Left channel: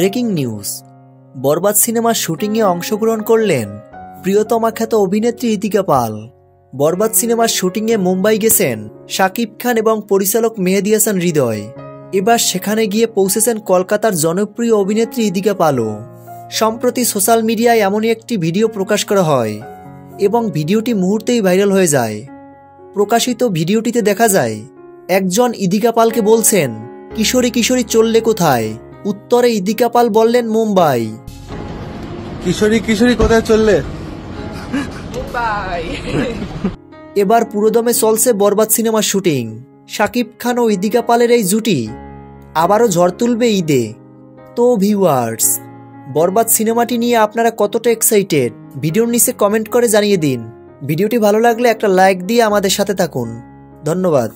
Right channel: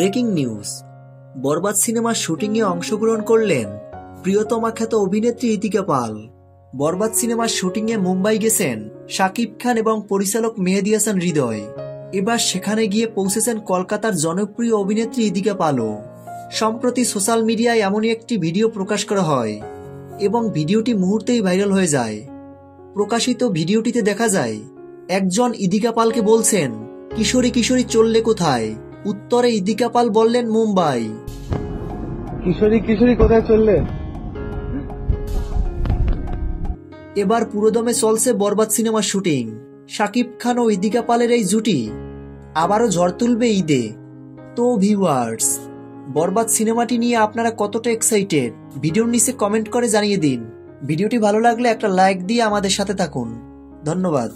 Breaking news, বরবাদ সিনেমার শুটিংয়ে অংশগ্রহণ করলেন প্রিয়তমা খ্যাত অভিনেত্রী ইতিকা পাল। বরবাদ সিনেমার শুটিংয়ে মুম্বাই গেছেন শাকিব খান এবং পরিচালক মেহেদী হাসান হৃদয়। এবার সেখানে গিয়ে পৌঁছেছেন কলকাতার জনপ্রিয় অভিনেত্রী ইতিকা পালও। সম্প্রতি সোশ্যাল মিডিয়ায় এমনই একটি ভিডিও প্রকাশ করা হয় এবং ভিডিওটি মুহূর্তেই ভাইরাল হয়ে যায়। প্রকাশিত ভিডিওটিতে দেখা যায় একজন ইতিকা পালকে বলছেন, কিশোরী কিশোরী চললে কোথায়? উত্তরে ইতিকা পাল বললেন, মুম্বাই। কিশোরী কিশোরী কোথায় চললে? এবার পুরোদমে চলছে বরবাদ সিনেমার শুটিং। শাকিব খান ও ইতিকা পালের এই জুটি আবারও ঝড় তুলবে ঈদে। তো ভিউয়ার্স, বরবাদ সিনেমাটি নিয়ে আপনারা কতটা এক্সাইটেড ভিডিওর নিচে কমেন্ট করে জানিয়ে দিন। ভিডিওটি ভালো লাগলে একটা লাইক দিয়ে আমাদের সাথে থাকুন। ধন্যবাদ।